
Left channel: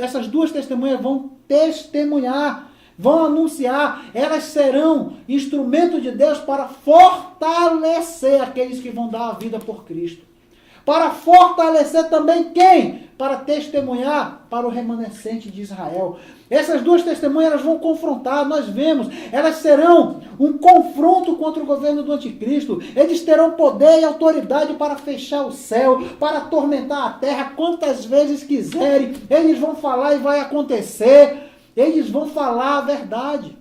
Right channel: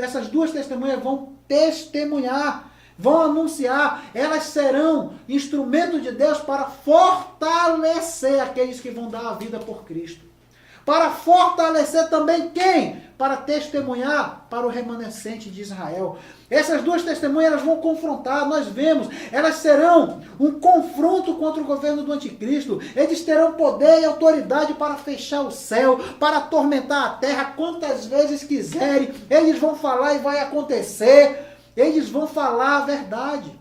Essas duas testemunhas vão testemunhar, vão anunciar, elas serão instrumento de Deus para fortalecer aqueles que vão dar a vida por Cristo. Para fortalecer também quem? para testemunhar para o remanescente de Israel. Essas duas testemunhas elas vão confrontar, nós vemos, elas serão um confronto contra o governo do anticristo. Eles terão poder e autoridade para fechar o céu, para atormentar a terra quantas vezes quiserem. Eles vão falar e vai acontecer. Eles vão falar a verdade.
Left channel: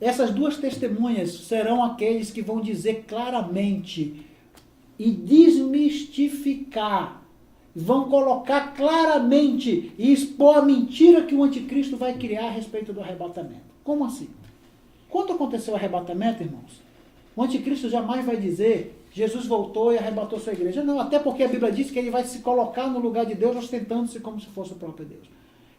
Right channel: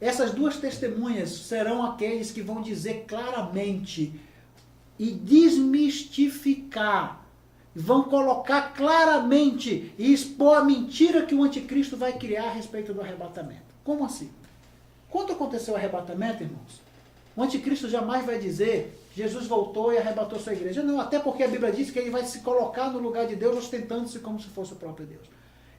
Essas duas testemunhas serão aqueles que vão dizer claramente e desmistificar, vão colocar claramente e expor a mentira que o anticristo vai criar a respeito do arrebatamento. Como assim? Quando aconteceu o arrebatamento, irmãos, o anticristo jamais vai dizer Jesus voltou e arrebatou sua igreja. Não, até porque a Bíblia diz que ele vai se colocar no lugar de Deus ostentando-se como se fosse o próprio Deus.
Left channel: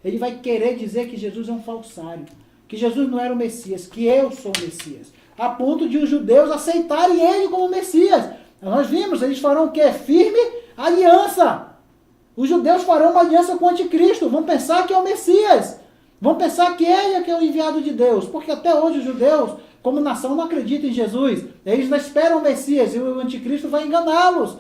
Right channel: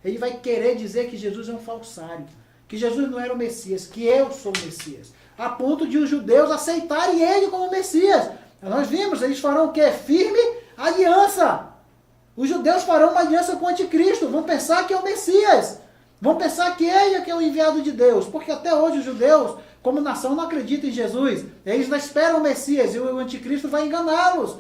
Ele vai querer dizer que Jesus é um falsário, que Jesus não era o Messias, que eu sou o Messias, a ponto de os judeus aceitarem ele como Messias. Nós vimos, eles farão o quê? Firme aliança. Os judeus farão uma aliança com o anticristo, vão pensar que é o Messias, vão pensar que ele é que é o enviado de Deus, porque até hoje os judeus, como nação, não acreditam em Jesus, eles não esperam o Messias e o anticristo vai enganá-los.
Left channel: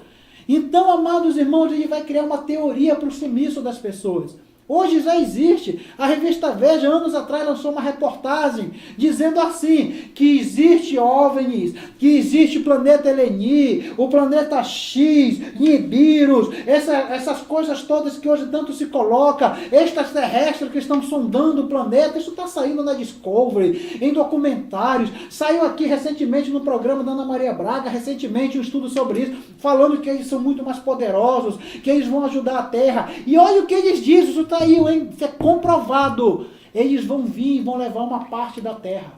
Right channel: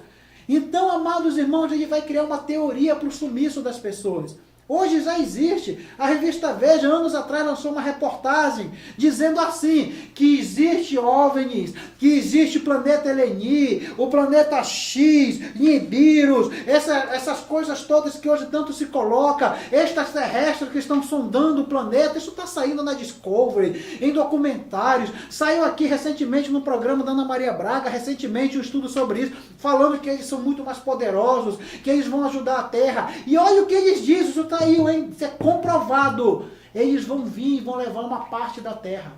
Então, amados irmãos, ele vai criar uma teoria para o sumiço das pessoas. Hoje já existe. A revista Veja, anos atrás, lançou uma reportagem dizendo assim, que existe OVNIs, que existe planeta Eleni, o planeta X, Nibiru, essas coisas todas que hoje tanto se coloca, extraterrestres que estão sondando o planeta. Isso está saindo na Discovery, em documentários. Saiu aqui recentemente no programa da Ana Maria Braga, recentemente um estudo sobre isso, falando que eles são muito mais poderosos, que eles vão ajudar a Terra. E olha o que eles dizem, isso está aí, isso é comprovado. Eles vão vir e vão levar uma parte da terra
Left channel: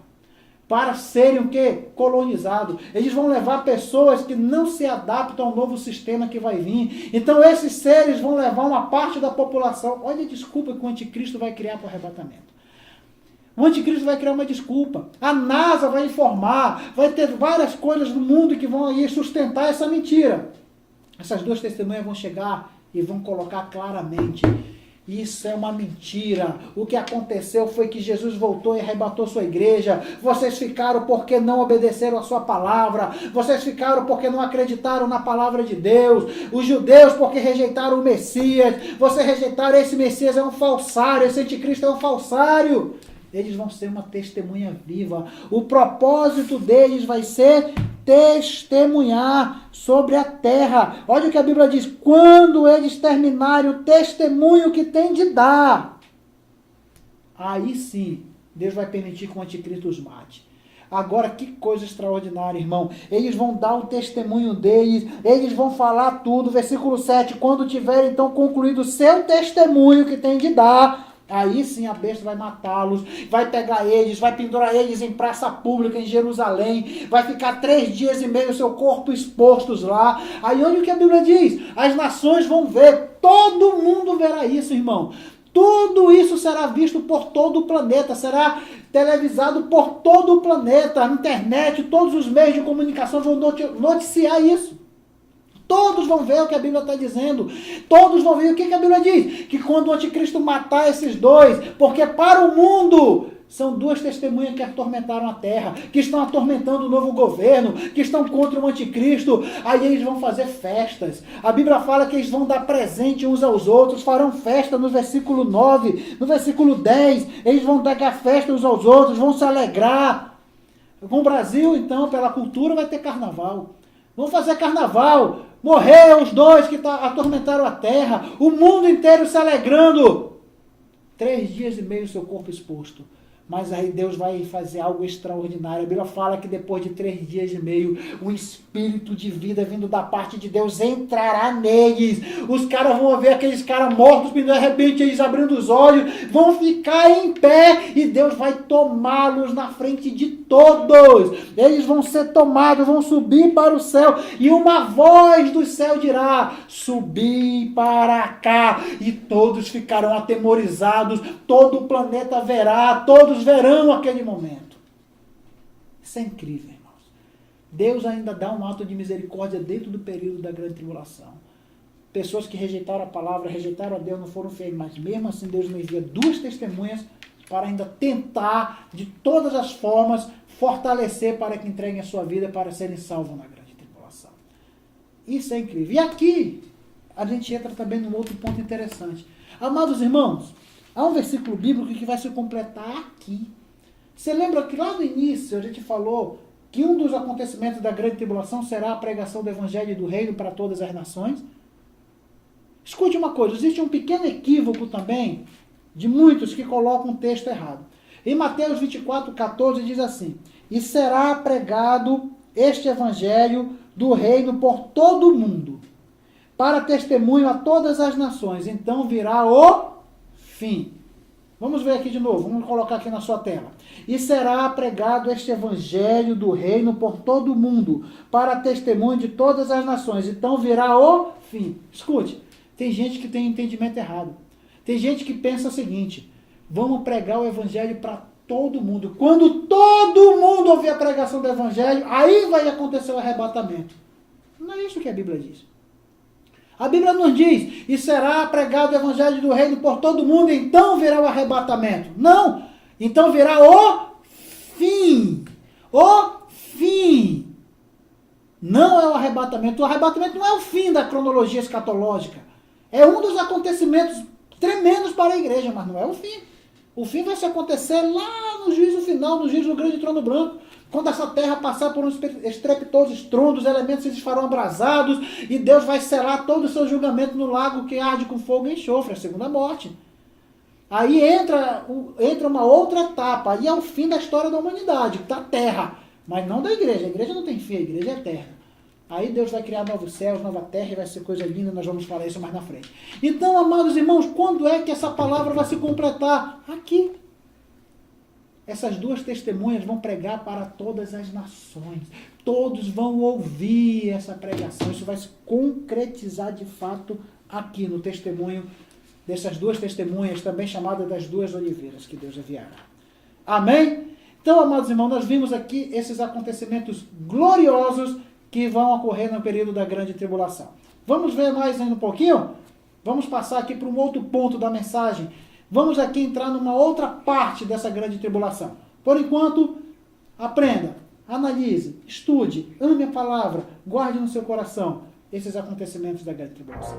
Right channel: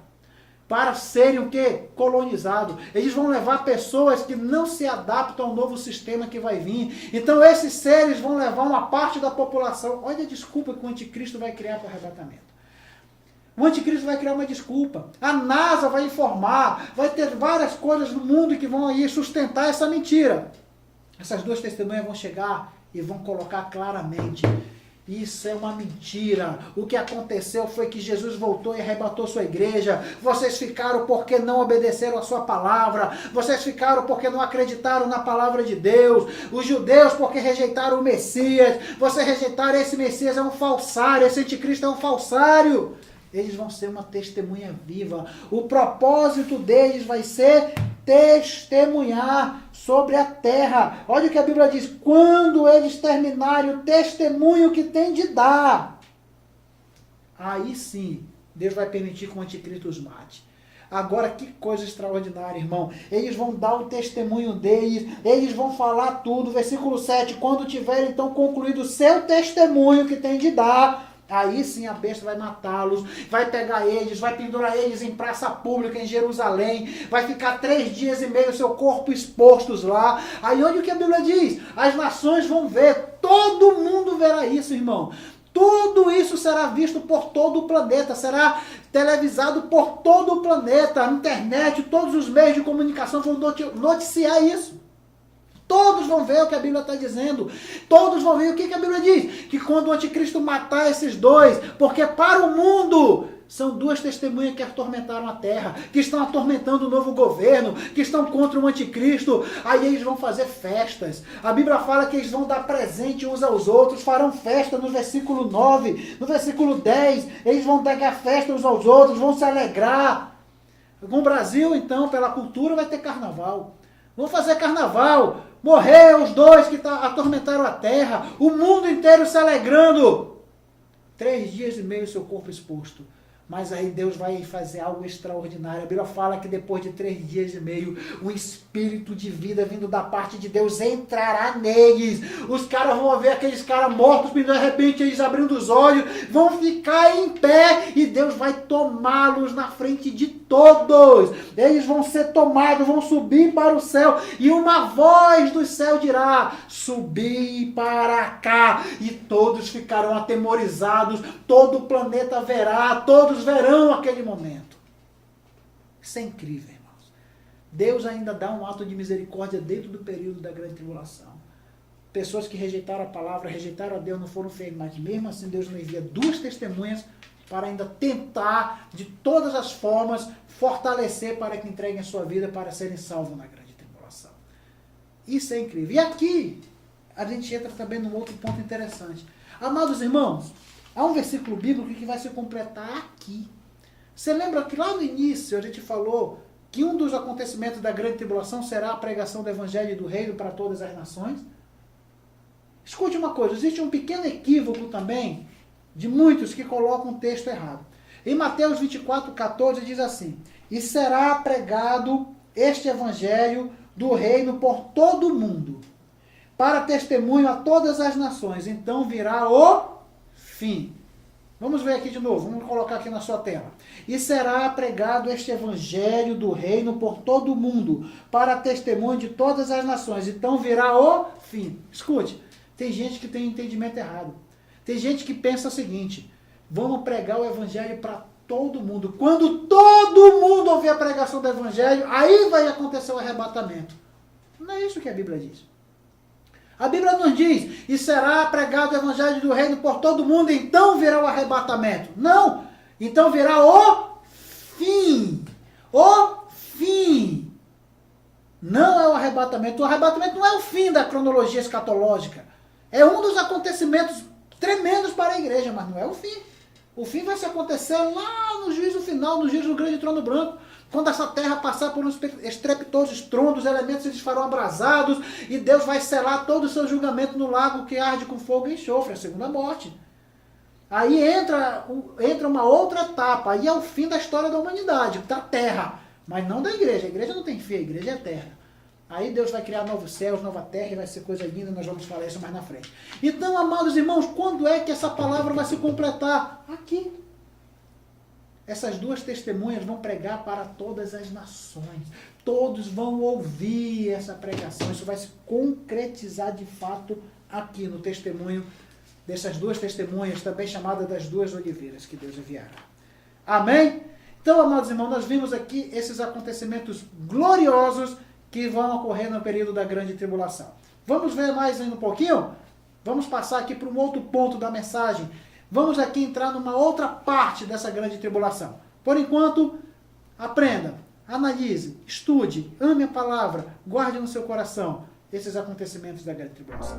para serem o quê? Colonizados. Eles vão levar pessoas que não se adaptam ao novo sistema que vai vir. Então esses seres vão levar uma parte da população. Olha a desculpa que o anticristo vai criar para o arrebatamento. O anticristo vai criar uma desculpa. A NASA vai informar, vai ter várias coisas no mundo que vão aí sustentar essa mentira. Essas duas testemunhas vão chegar e vão colocar claramente: isso é uma mentira. O que aconteceu foi que Jesus voltou e arrebatou sua igreja. Vocês ficaram porque não obedeceram a sua palavra. Vocês ficaram porque não acreditaram na palavra de Deus. Os judeus porque rejeitaram o Messias. Vocês rejeitaram esse Messias, é um falsário. Esse anticristo é um falsário. Eles vão ser uma testemunha viva. O propósito deles vai ser testemunhar sobre a terra. Olha o que a Bíblia diz: quando eles terminarem o testemunho que tem de dar, aí sim Deus vai permitir que o anticristo os mate. Agora, que coisa extraordinária, irmão. Eles vão dar o testemunho deles, eles vão falar tudo. Versículo 7, quando tiver então concluído o seu testemunho que tem de dar, aí sim a besta vai matá-los, vai pegar eles, vai pendurar eles em praça pública em Jerusalém, vai ficar 3 dias e meio seu corpo expostos lá. Aí olha o que a Bíblia diz: as nações vão ver, todo mundo verá isso, irmão. Tudo isso será visto por todo o planeta, será televisado por todo o planeta, a internet, todos os meios de comunicação vão noticiar isso. Todos vão ver o que a Bíblia está dizendo. Todos vão ver o que a Bíblia diz. Que quando o anticristo matar esses dois, porque para o mundo são duas testemunhas que atormentaram a terra, que estão atormentando o novo governo, que estão contra o anticristo, aí eles vão fazer festas. A Bíblia fala que eles vão dar presente uns aos outros, farão festa no versículo 9, no versículo 10, eles vão dar festa uns aos outros, vão se alegrar. Com o Brasil, então, pela cultura, vai ter carnaval. Vão fazer carnaval. Morreram os dois que atormentaram a terra. O mundo inteiro se alegrando. 3 dias e meio seu corpo exposto. Mas aí Deus vai fazer algo extraordinário. A Bíblia fala que depois de 3 dias e meio, o espírito de vida vindo da parte de Deus entrará neles. Os caras vão ver aqueles caras mortos, e de repente eles abrindo os olhos, vão ficar em pé e Deus vai tomá-los na frente de todos. Eles vão ser tomados, vão subir para o céu e uma voz do céu dirá: subi para cá. E todos ficarão atemorizados, todo o planeta verá, todos verão aquele momento. Isso é incrível, irmãos. Deus ainda dá um ato de misericórdia dentro do período da grande tribulação. Pessoas que rejeitaram a palavra, rejeitaram a Deus, não foram feios, mas mesmo assim Deus não envia 2 testemunhas para ainda tentar, de todas as formas, fortalecer para que entreguem a sua vida para serem salvos na grande tribulação. Isso é incrível. E aqui, a gente entra também num outro ponto interessante. Amados irmãos, há um versículo bíblico que vai se completar aqui. Você lembra que lá no início a gente falou que um dos acontecimentos da grande tribulação será a pregação do evangelho e do reino para todas as nações? Escute uma coisa, existe um pequeno equívoco também de muitos que colocam o texto errado. Em Mateus 24:14 diz assim: e será pregado este evangelho do reino por todo o mundo, para testemunho a todas as nações, então virá o fim. Vamos ver aqui de novo, vamos colocar aqui na sua tela. E será pregado este evangelho do reino por todo o mundo, para testemunho de todas as nações, então virá o fim. Escute, tem gente que tem entendimento errado. Tem gente que pensa o seguinte: vamos pregar o evangelho para todo mundo. Quando todo mundo ouvir a pregação do evangelho, aí vai acontecer o arrebatamento. Não é isso que a Bíblia diz. A Bíblia nos diz: e será pregado o evangelho do reino por todo mundo, então virá o arrebatamento. Não! Então virá o fim. O fim. Não é o arrebatamento. O arrebatamento não é o fim da cronologia escatológica. É um dos acontecimentos tremendos para a igreja, mas não é o fim. O fim vai se acontecer lá no juízo final, no juízo do grande trono branco. Quando essa terra passar por uns estrepitosos estrondos, os elementos se desfarão abrasados e Deus vai selar todo o seu julgamento no lago que arde com fogo e enxofre, a segunda morte. Aí entra uma outra etapa, aí é o fim da história da humanidade, da terra, mas não da igreja. A igreja não tem fim, a igreja é eterna. Aí Deus vai criar novos céus, nova terra, e vai ser coisa linda, nós vamos falar isso mais na frente. Então, amados irmãos, quando é que essa palavra vai se completar? Aqui. Essas duas testemunhas vão pregar para todas as nações. Todos vão ouvir essa pregação. Isso vai se concretizar de fato aqui no testemunho dessas duas testemunhas, também chamadas das duas oliveiras que Deus enviará. Amém? Então, amados irmãos, nós vimos aqui esses acontecimentos gloriosos que vão ocorrer no período da grande tribulação. Vamos ver mais ainda um pouquinho? Vamos passar aqui para um outro ponto da mensagem. Vamos aqui entrar numa outra parte dessa grande tribulação. Por enquanto, aprenda, analise, estude, ame a palavra, guarde no seu coração esses acontecimentos da grande tribulação.